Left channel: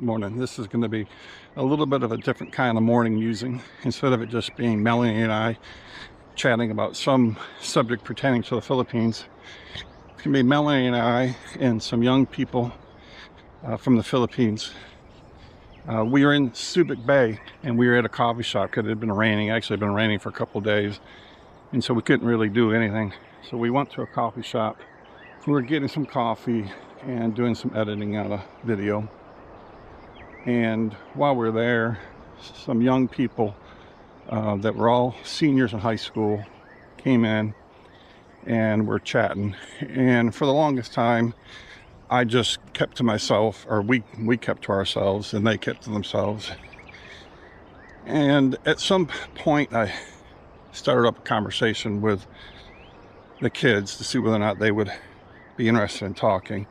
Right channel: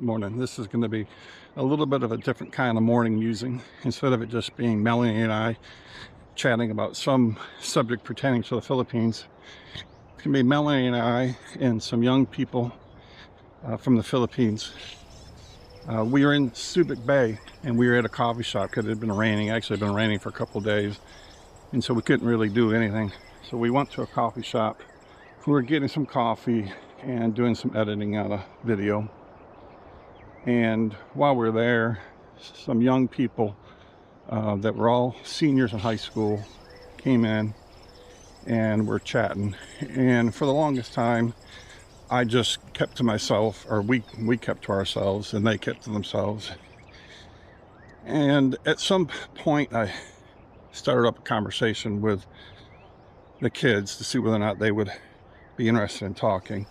Morning. This is going to be a little bit of a different kind of morning musing. Instead of it just being Melanie and I chatting about some subject pertaining to the Philippines, it's going to be Melanie and I and some young people from the Philippines. We were in Subic Bay and we were at a coffee shop because it had been raining. Actually, it had been raining for a couple of days, and so we couldn't really do anything. So we went to a coffee shop. We were getting some coffee and doing some editing on a video. And while we were there, some young people that were all seniors in high school came in and were chatting. And for the longest time, I just kept to myself, or we kept to ourselves, and they kept to themselves. And at some point, I started up a conversation with the kids to see whether or not they would be interested in talking.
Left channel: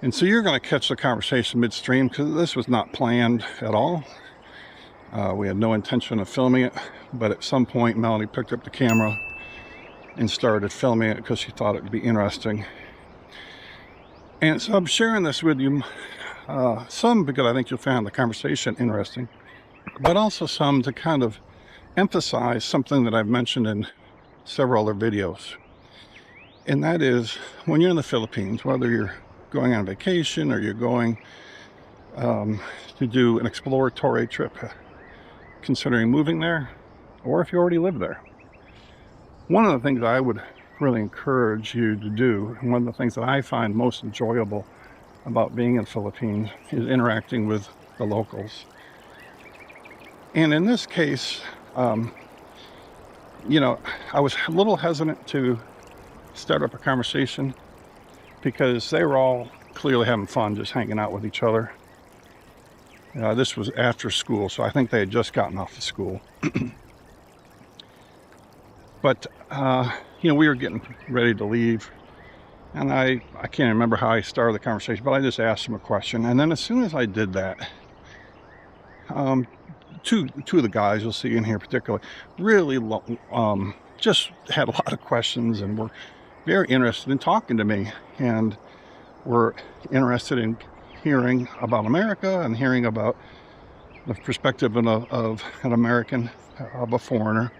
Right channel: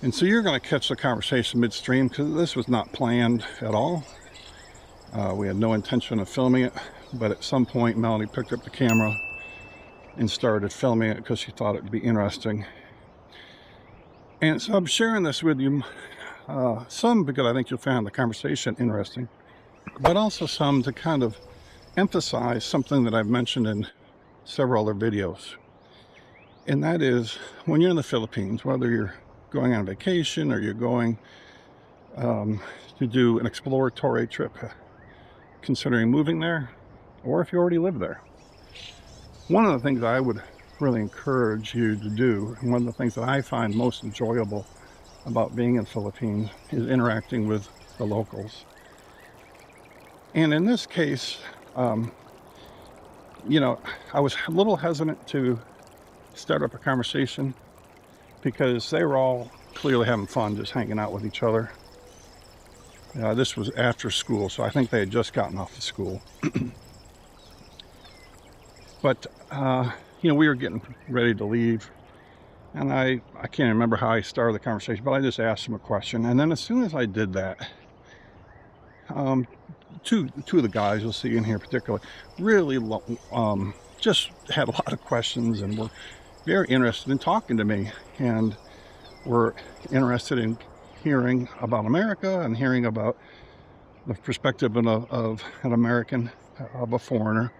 And so you're going to catch the conversation midstream because this was not planned at all. We had no intention of filming it, but at some point Melanie picked up the camera and started filming it because she thought it would be interesting. And so I'm sharing this with you, some because I think you'll find the conversation interesting, but also some to kind of emphasize something that I've mentioned in several other videos. And that is, when you're in the Philippines, whether you're going on vacation or you're going to do an exploratory trip, considering moving there, or if you already live there, one of the things I would really encourage you to do, and one of the things that I find most enjoyable about being in the Philippines, is interacting with the locals. And in this case, you know, I was a little hesitant to start up a conversation because they were all clearly having fun just hanging out with each other. This was after school, so I think they had just gotten off of school. But you know, we were getting ready to leave, and I can't remember how I started the conversation, but I just asked them a question. And then as soon as I did that, two of the guys you'll see in here particularly really just had a lot of questions and were very interested in talking to me, and were interested in hearing about America and hearing about the perspective of an American, of a foreigner.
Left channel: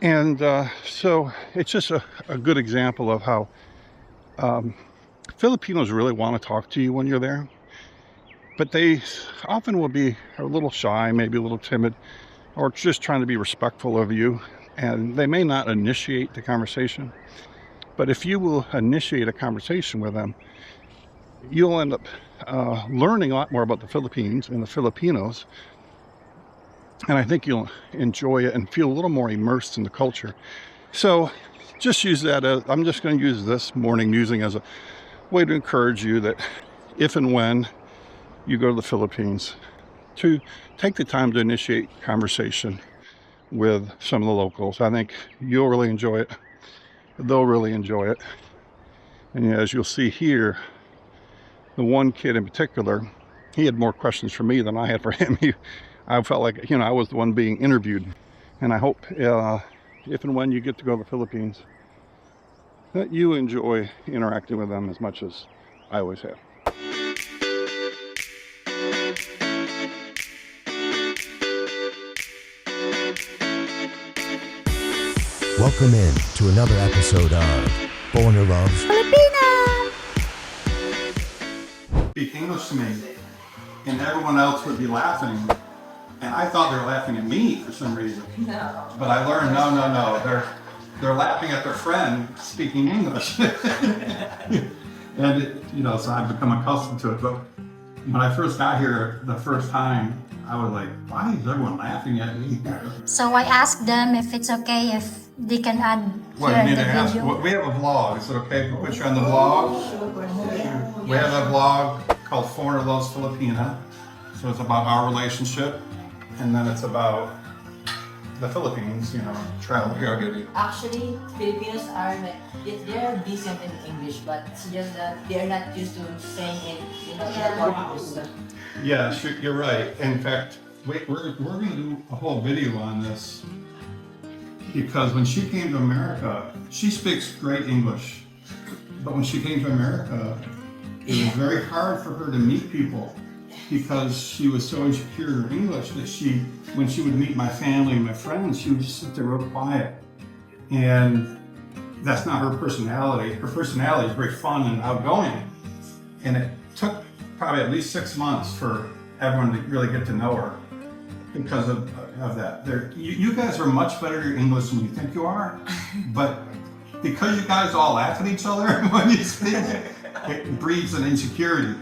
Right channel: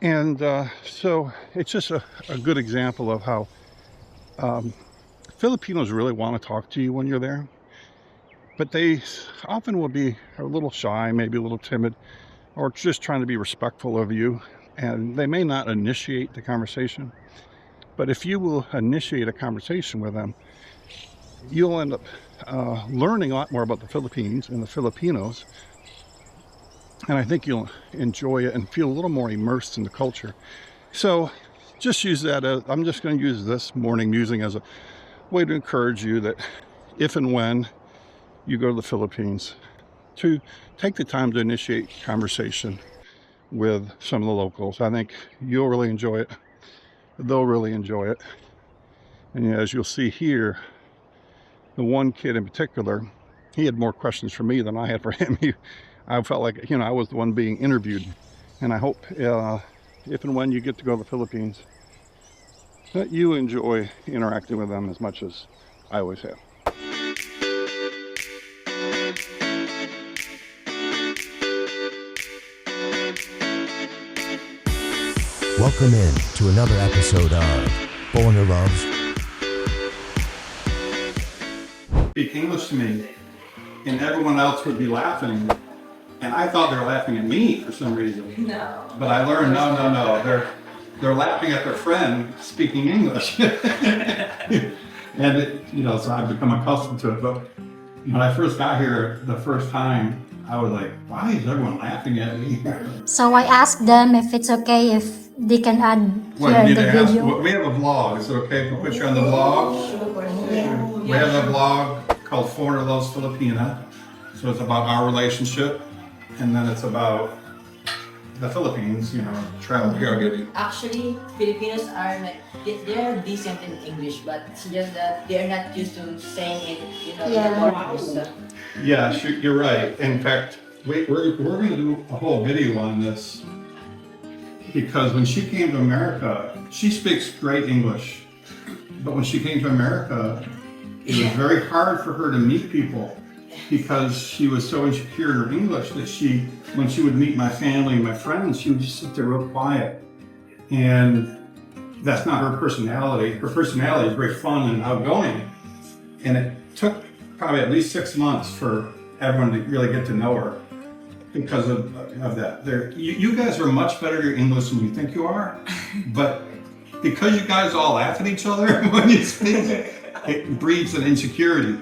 And so it's just a good example of how Filipinos really want to talk to you when you're there, but they often will be a little shy, maybe a little timid, or just trying to be respectful of you, and they may not initiate the conversation. But if you will initiate a conversation with them, you'll end up learning a lot more about the Philippines and the Filipinos. And I think you'll enjoy it and feel a little more immersed in the culture. So just use that as, I'm just going to use this morning musing as a way to encourage you that if and when you go to the Philippines, to take the time to initiate conversation with some of the locals. I think you'll really enjoy it. They'll really enjoy it. And as you'll see here, the one kid in particular, he had more questions for me than I had for him. I felt like, you know, I was the one being interviewed. And I hope if and when you get to go to the Philippines, that you enjoy interacting with them as much as I always have. Welcome in to another episode of Foreigner Loves Filipina! Speak English to me, and everyone else would be laughing, and I thought they were laughing at me for some reason. No. But I learned, no, they're laughing at their friend speaking English. And it, you know, so I've become accustomed to it. But when I first got here the first time, I was like, why is everyone laughing at me? So I asked them if it's okay if they can add here in the video. We have a vlog. Is it okay if we put you on the vlog? We have a vlog called Foreigner Loves Filipina. So it's about our relationship, and then it's about the Philippines, you know, travel. Actually, Filipinos are like, they're decent in English, but it's just that they're not used to saying it, you know, Yeah. Yeah, you're right. In fact, we're going to do a whole video on this, because when she came to America, she speaks great English, but when she came to America, it was very hard for her to meet people because she was so insecure in her English that when she would meet my family and my friends, she would just sit there real quiet. And that's not her personality. Her personality is very fun and outgoing. And it took probably at least 6 months for everyone to really get to know her because of that. You guys are much better at English than you think you are, but because you guys all laugh at each other when you speak, it breeds an insecurity.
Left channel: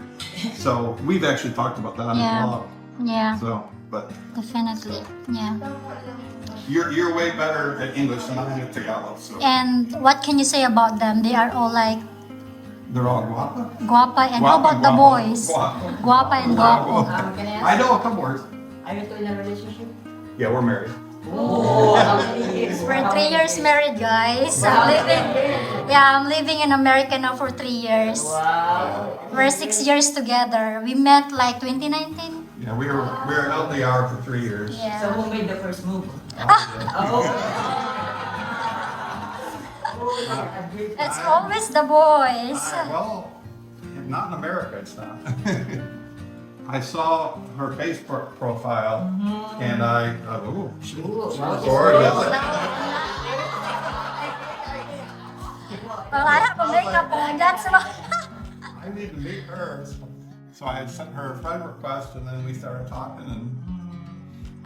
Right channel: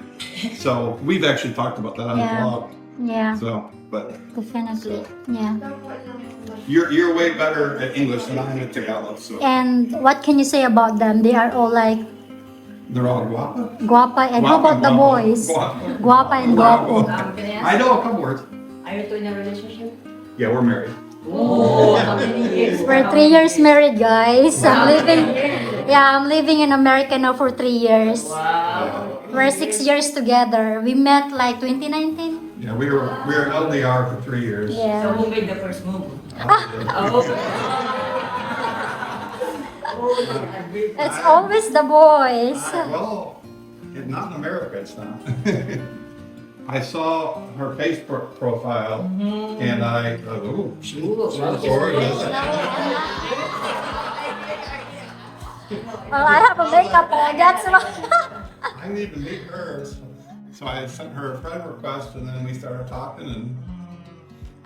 So we've actually talked about that on the blog. Yeah. So, but Definitely. Yeah. you're way better at English than I am at Tagalog. So And what can you say about them? They are all like they're all guapa. guapa. And how about the boys? Guapa. Guapa and guapo. Can I ask? I know a couple words. Are you two in a relationship? Yeah, we're married. Oh, how many years? We're 3 years married, guys. I'm living in America now for 3 years. Wow. We're 6 years together. We met like 2019. Yeah, we were LDR for 3 years. So Yeah. who made the first move? It's always the boys. Well, not in America, it's not. I saw her Facebook profile and I thought, ooh, she's gorgeous. Well, I have a makeup on. That's why. I need to meet her. So I sent her a friend request and then we started talking and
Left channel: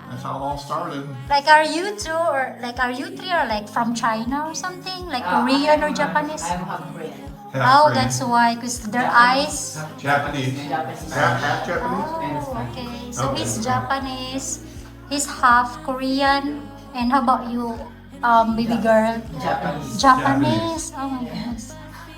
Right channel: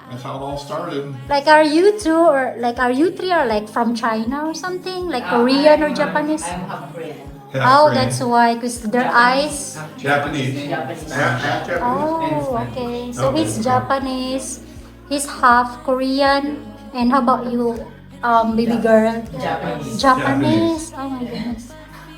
that's how it all started. Like, are you two or like are you three or like from China or something? Like Korean or Japanese? I'm half Korean. Oh, that's why, because their eyes. Japanese. Oh, okay. So he's Japanese, he's half Korean, and how about you, baby girl? Japanese. Japanese. Oh my goodness.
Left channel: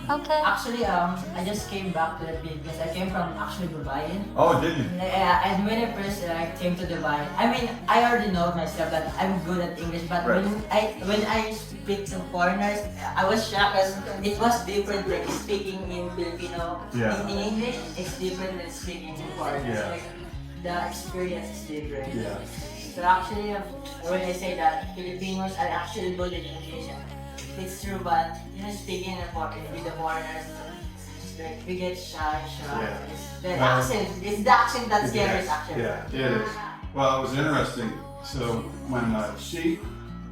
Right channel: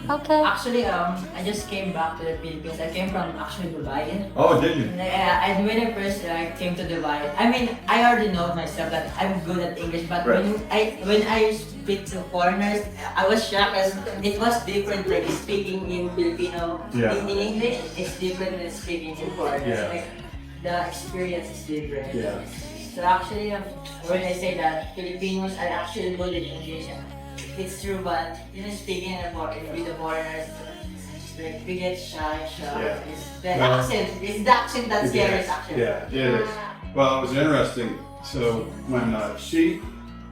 Okay. Actually, I just came back to the Philippines. I came from actually Dubai. Oh, did you? And when I first came to Dubai, I mean, I already know myself that I'm good at English, but when I speak to foreigners, I was shocked as it was different. Like speaking in Filipino, Yeah. in English, it's different than speaking in foreigners. Yeah. Like, the experience is different. Yeah. So actually, when I say that Filipinos are actually good at English, it's true, but speaking with the foreigners, like, we get shy. Yeah. It's the accent. It's the accent that scares actually. Yeah, it is. Well, it was interesting. So when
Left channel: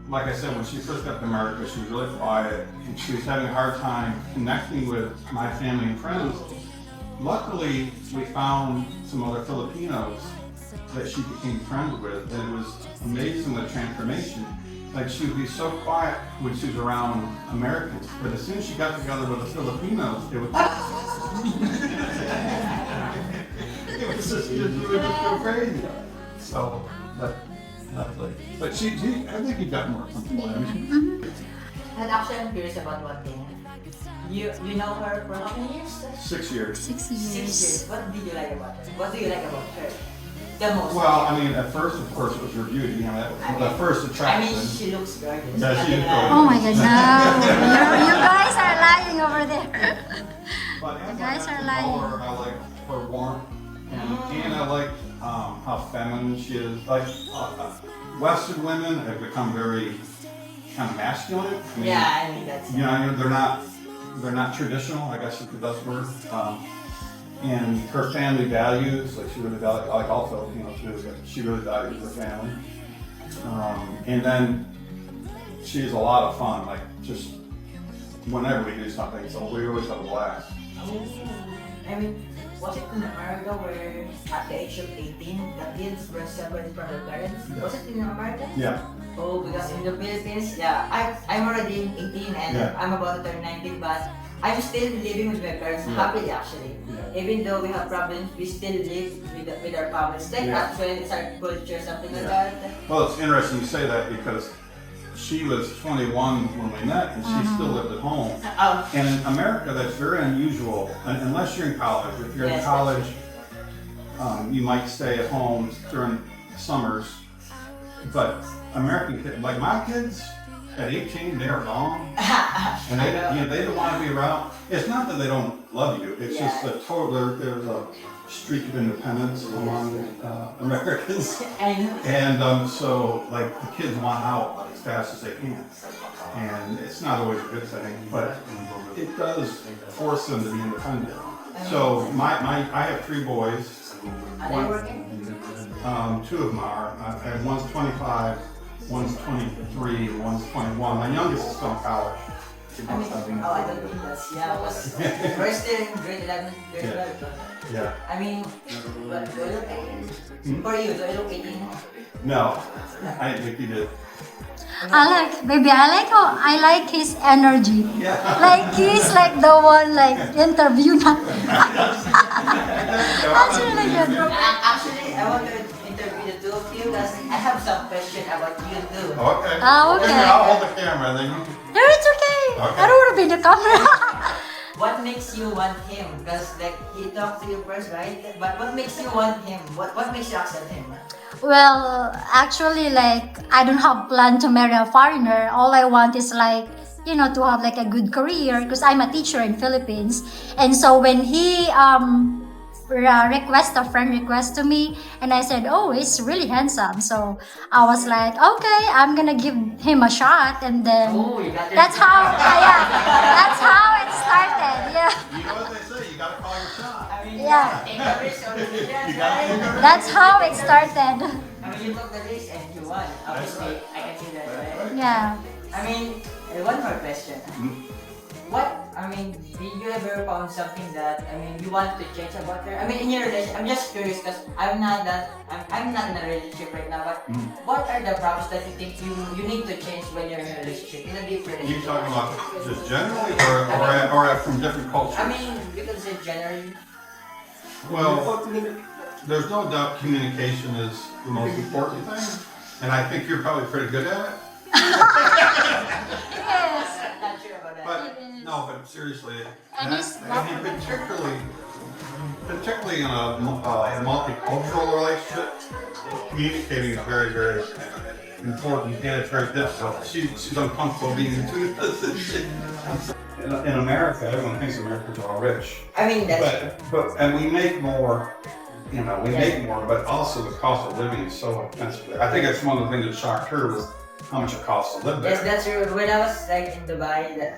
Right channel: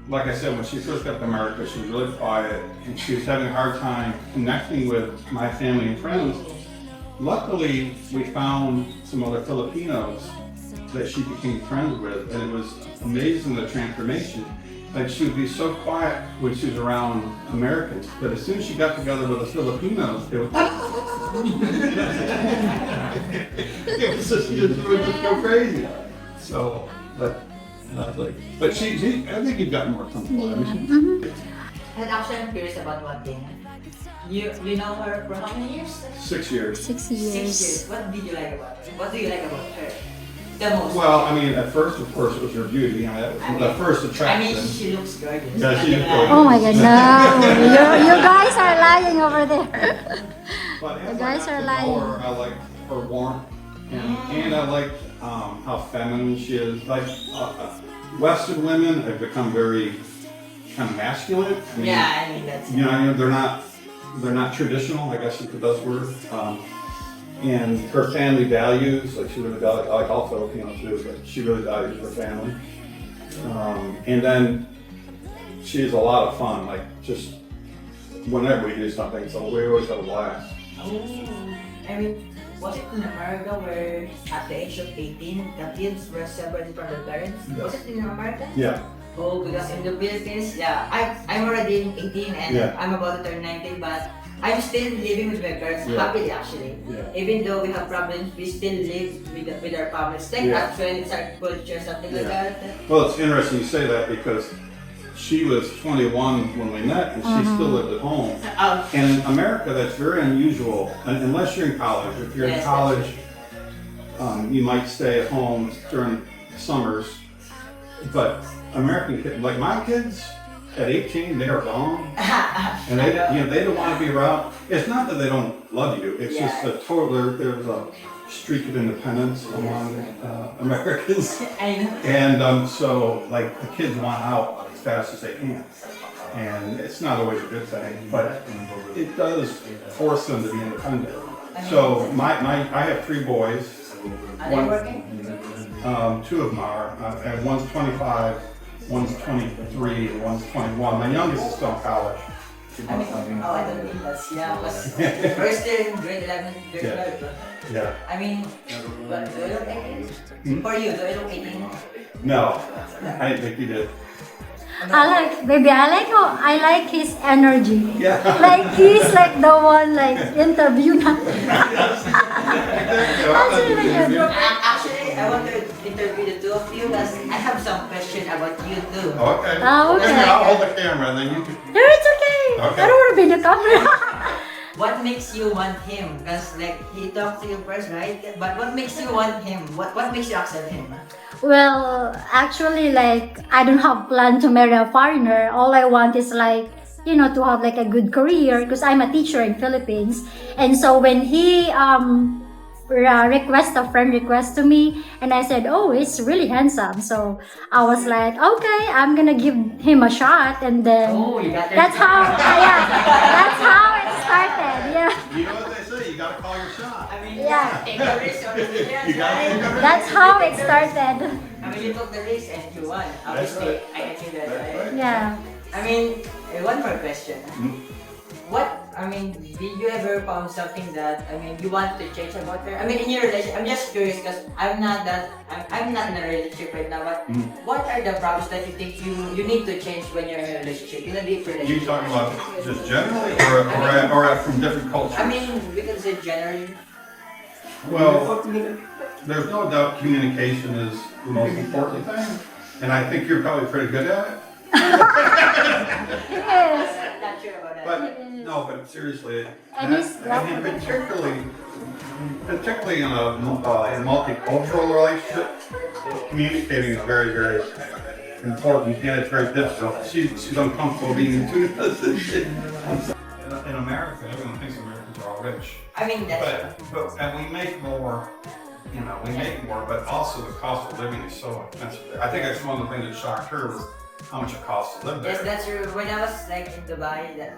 like I said, when she first got to America, she was really quiet and she was having a hard time connecting with my family and friends. Luckily, we found some other Filipinos that she became friends with, and it was amazing the transformation. Like, she would be so quiet when she was around Americans, but as soon as she got together with the Filipinos, it was it was just go crazy. So, but I think you've gotten more comfortable. I mean, And actually, I'm curious about one thing. You know her for how many years? 6 years. 6 6 years. years. What did you like about her? What do you like about her? The most. Well, I mean, at first, of course, it was her beauty. You know, that was the first I mean, attraction. she looks gorgeous. Yeah, she is gorgeous. Oh my god, no. You guys are lying over there. But The as guys I are got to know lying. her, I like her warmth, and I like how feminine she is. Like Western women have become very kind of masculine. I mean, Yeah, I mean that's. You know, they're not traditional. I guess is the best word. And her family values, like she really values, like all Filipinos do, but she really values her family. And then she has a lot of fun, like just whenever we do something, so we always have a blast. I mean, was it in America where at the age of 18, the kids were separated from their parents? Was it in America? Yeah. Oh, because in the Philippines, yeah, I'm already 18 and Yeah. I'm about to turn 19, but I'm still living with my parents Yeah. happily actually. Yeah. Even though we have problems, we still live with our families. Like Yeah. actually, it's our culture, something like Yeah. that. Well, it's interesting you say that because she was 21 when we met and she still lived at home. And in America, that's very unusual, unless you're in college. If you're in Yes, college, you might stay at home during summers. But American kids, like my kids, at 18, they are gone. And they don't want to be around. It's not that they don't love you. It's just a total, there's a streak of independence among Americans. I know. And so, like, the kids want out as fast as they can. And it's not always a good thing, but it does force them to be independent. So I have 3 boys. Are they working? 2 of them are, and one's 25, one's 23, and one's 21. My youngest is still in college. I don't think that's because first year in grade 11, grade 12. Yeah. I mean, but do you look 18? For you, do you look 18? No, I didn't think he did. I like his energy. Yeah. Like he's like the one like interview na. That's really good. Actually, I want to interview the 2 of you because I have some question about you too. Okay. Okay. I'll hold the camera and then you can. No, it's okay. Okay. I don't want to be in the camera. What makes you want him? Because like he talked to you first, right? But what makes you want him? What makes you accept him? Well, actually, like, I don't have plan to marry a foreigner. All I want is like, to have like a good career because I'm a teacher in Philippines. And so when he a friend request to me, and I said, oh, he's really handsome. So I was like, okay, I'm gonna give him a shot, and then You got that's how that's how it started. Yeah. You know what they say, you gotta call your shot. I mean, Yeah. take the risk on the chance, You got it. right? That's how it started. I mean, you took the risk and you won. Obviously, right. I can see that, right? Yeah. I mean, one more question. Did you ever found something that, you want to change about her? I mean, in your relationship, I'm just curious because I'm not in a relationship right now, but what are the problems that you think you need to change when you're in a relationship, in a deep You relationship? talking about just generally or from different cultures? We can say generally. Well, there's no doubt communication is the most important thing, and I think you're probably pretty good at it. Yes. Not sure about that. But seriously, And he's and particularly in a multicultural relationship, communicating is very, very important, and it's very difficult. She's uncomfortable being in two positions. In America, everyone thinks Americans are all rich. And we make more. Make more, but also the cost of living is so expensive. I think it's one of the things that shocked her was how much it costs to live there. Yes, that's true. When I was like in Dubai,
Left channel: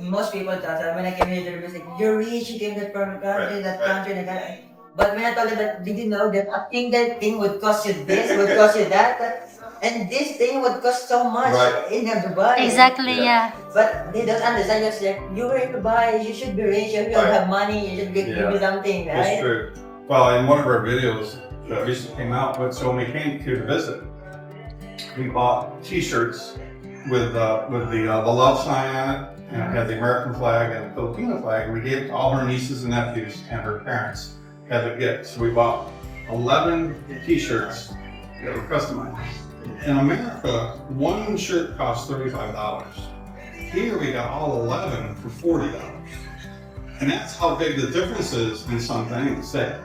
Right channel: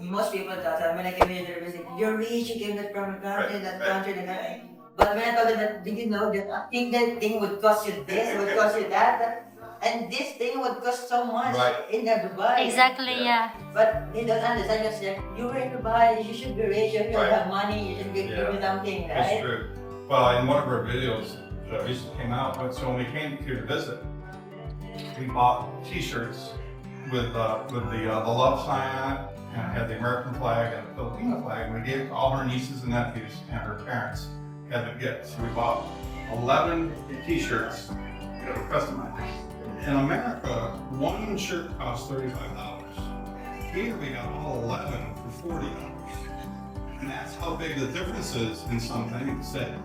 most people thought that when I came here, they were like, "You're rich, you came from country, that country, and that." But when I told them that, did you know that a single thing would cost you this, would cost you that, and this thing would cost so much in Dubai. Exactly. Yeah. But they don't understand. Just like you were in Dubai, you should be rich, you should have money, you should give me something, right? That's true. Well, in one of our videos that recently came out, so when we came here to visit, we bought T-shirts with the love sign on it, and it had the American flag and the Filipino flag, and we gave it to all her nieces and nephews and her parents as a gift. So we bought 11 T-shirts that were customized. In America, one shirt costs $35. Here we got all 11 for $40. And that's how big the difference is in some things. That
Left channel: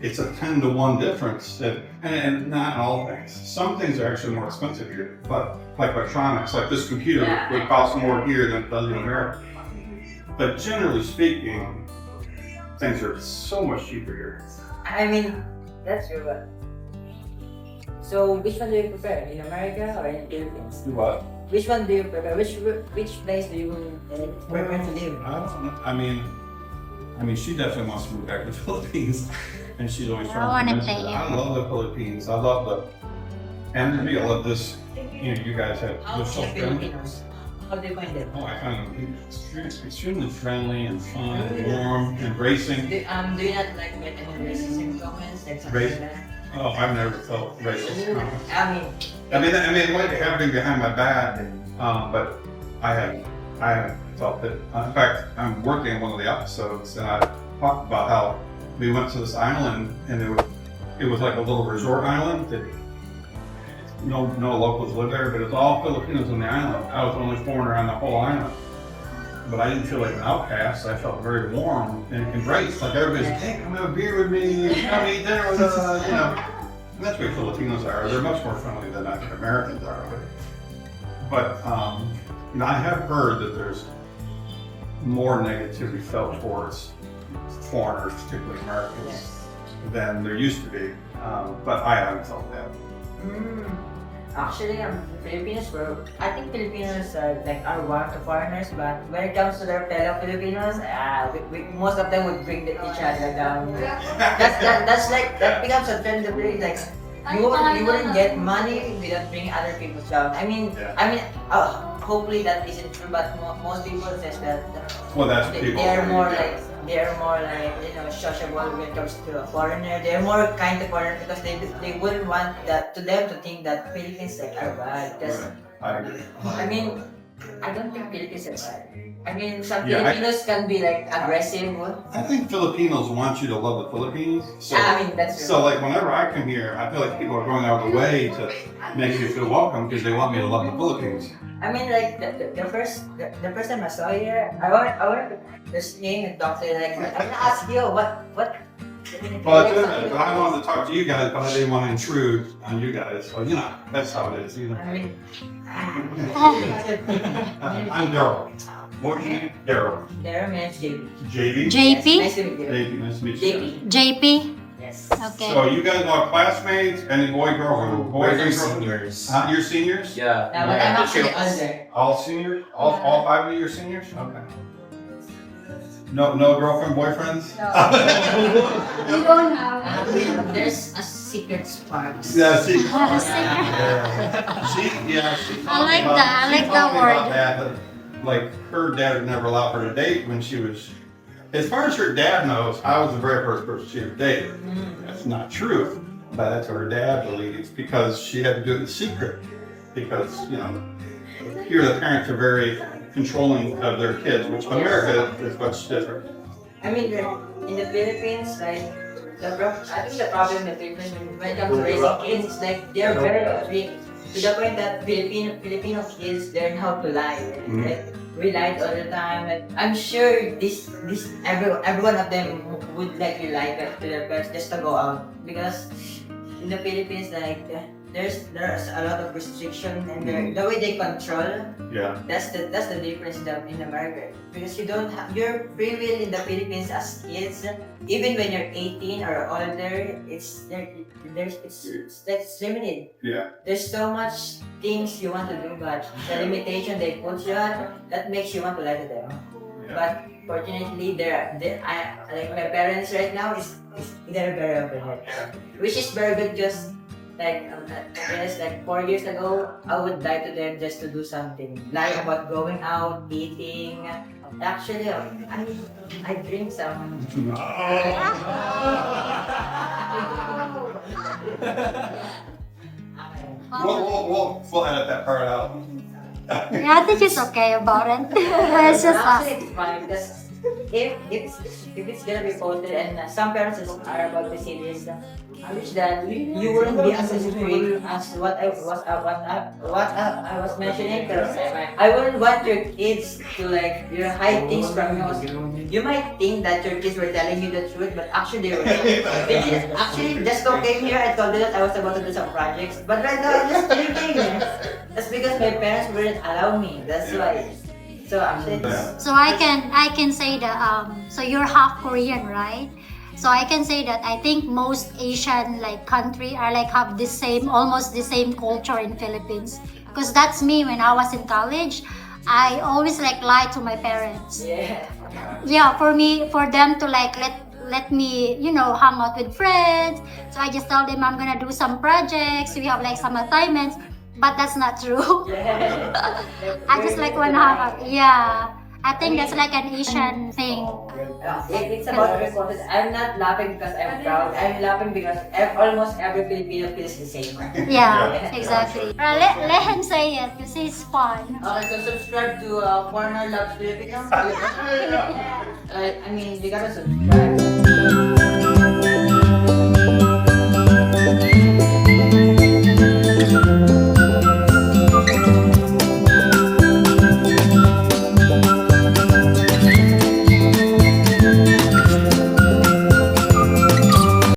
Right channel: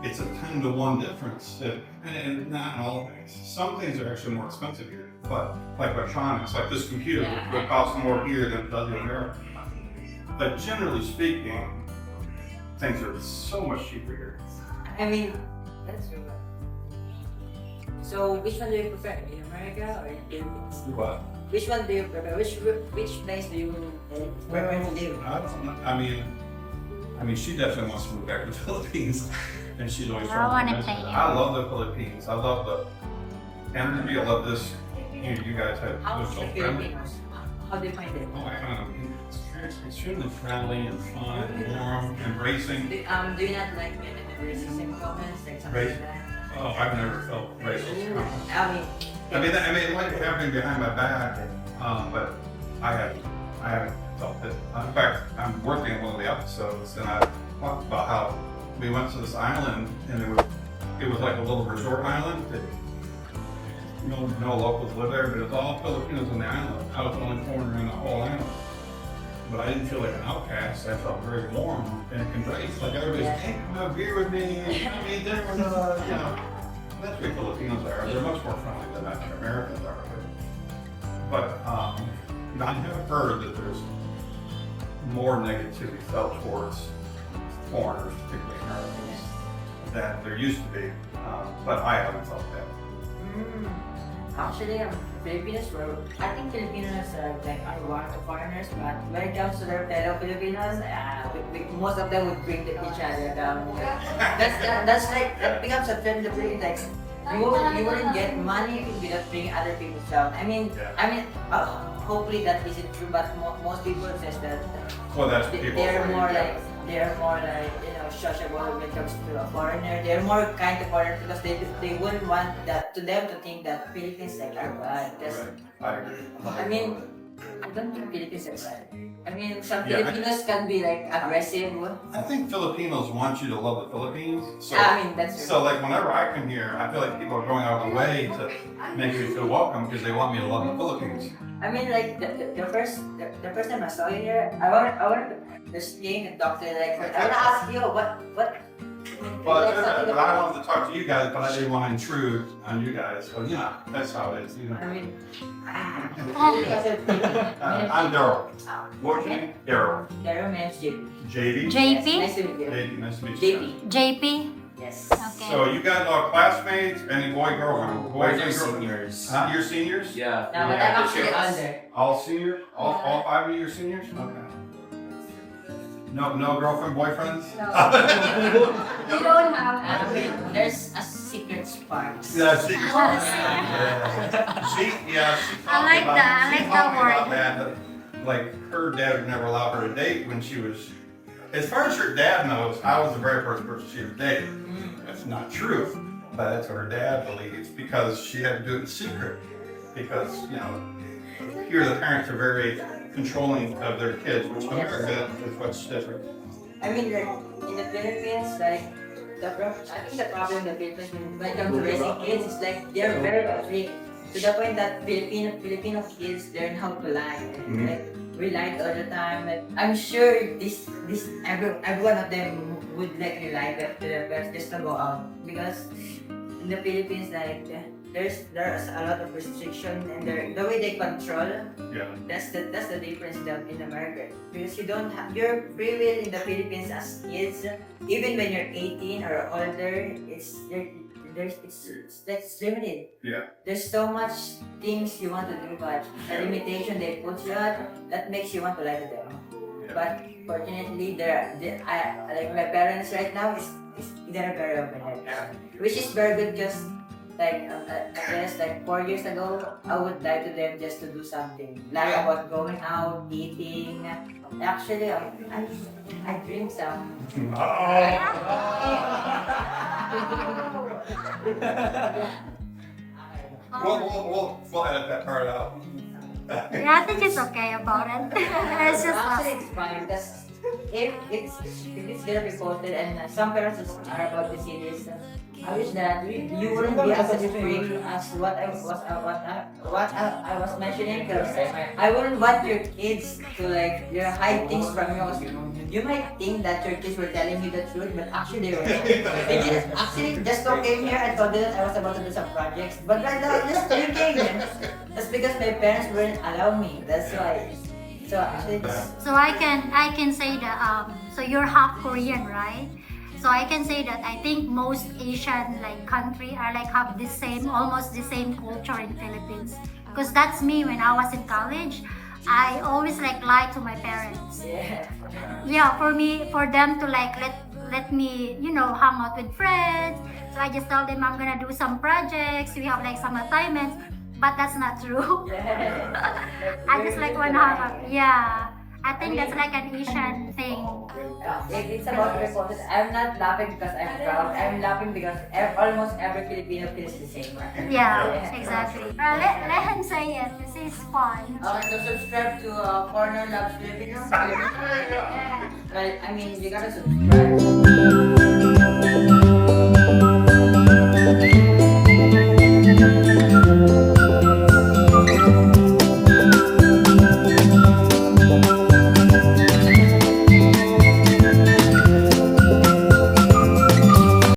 it's a 10-to-1 difference, and not in all things. Some things are actually more expensive here, but like electronics, like this computer, would cost more here than it does in America. But generally speaking, things are so much cheaper here. That's true. But so, which one do you prefer, in America or in the Philippines? What? Which one do you prefer? Which place do you prefer to live? I don't know. I mean, she definitely wants to move back to the Philippines, and she's always I trying wanna to convince stay me. here. I love the Philippines. I love the energy. I love this. You guys have How's so the friendly. Filipinos? How do you find it? Oh, I find them extremely friendly and fun, warm, embracing. Do you not like get any racism comments? Like something Race- like that? Oh, I've never felt racist. I mean, I like having behind my back, but I haven't felt it. In fact, I'm working on one of the episodes, and I talked about how we went to this island, and it was like a little resort island that no locals live there, but it's all Filipinos on the island. I was the only foreigner on the whole island. But I didn't feel like an outcast. I felt very warm and embraced. Like everybody's like, hey, come have a beer with me, come eat dinner with us, And that's the way Filipinos are. They're much more friendly than Americans are. But I have heard that there's more negativity felt towards foreigners, particularly Americans, than there used to be. But I haven't felt that. Actually, Filipinos were. I think Filipinos are like are foreigners, but when it comes to their fellow Filipinos, most of them would bring each other down. That's like that becomes a trend of really like you wouldn't get money without bringing other people down. Hopefully that isn't true, but most people says that Well, that's people. they're more like sociable when it comes to a foreigner. They're more kind to foreigners because they wouldn't want that to them to think that Philippines like are bad. I agree. I don't think Philippines are bad. Some Yeah, Filipinos can be like aggressive. I think Filipinos want you to love the Philippines. So, That's true. so like whenever I come here, I feel like people are going out of the way to make me feel welcome because they want me to love the Philippines. Like the first time I saw you here, I want to stay and talk to you. Like I want to ask you what. Well, I wanted to talk to you guys, but I didn't want to intrude on you guys. Well, that's how it is. I'm Daryl. What's your name? Daryl. Daryl means JB. JP? Nice to meet you. JB, nice to meet you. JP? Yes. Okay. So you guys are classmates? Any boy, girl? We're Boys, seniors. You're seniors? Yeah. Now, but I'm actually older. All seniors? All 5 of you are seniors? Okay. No girlfriend, boyfriends? You don't have. There's a secret spark. Yeah, see. I like that. I like that word. Like her dad would never allow her to date when she was. As far as her dad knows, I was the very first person she ever dated. That's not true, but that's what her dad believes because she had to do it in secret. Because here the parents are very controlling of their kids, which in America is much different. In the Philippines, like I think the problem in the Philippines when it comes to raising kids is like they're very strict to the point that Filipino kids learn how to lie. Like we lied all the time. Like I'm sure every one of them would like to lie to their parents just to go out because in the Philippines like there's a lot of restriction and the way they control. Yeah. That's the difference in America because you don't have your free will in the Philippines as kids. Even when you're 18 or older, it's limited. Yeah. There's so much things you want to do, but the limitation they put you at that makes you want to lie to them. Yeah. But fortunately, like my parents right now they're very open, which is very good because. I guess 4 years ago, I would lie to them just to do something. Lie about going out, eating. Actually, I drink some. We'll edit that part out. Yeah, I think it's okay about it. It's just Actually, it's fine because if it's gonna be posted and some parents are about to see this, I wish that you wouldn't be as strict as what I was mentioning because I wouldn't want your kids to hide things from you. You might think that your kids were telling you the truth, but actually they were not. They just came here and told me that I was about to do some projects, but right now I'm just drinking. That's because my parents wouldn't allow me. That's why. So actually, so I can say that so you're half Korean, right? So I can say that I think most Asian country are have almost the same culture in Philippines. Because that's me when I was in college. I always lie to my parents. Yeah, for them to let me hang out with friends. So I just tell them I'm gonna do some projects. We have some assignments. But that's not true. I just wanna hang out. Yeah, I think that's an Asian thing. It's about responses. I'm not laughing because I'm proud. I'm laughing because almost every Filipino feels the same. Yeah, exactly. Let him say it because it's fun. Okay, so subscribe to Foreigner Loves Filipinos. You gotta subscribe.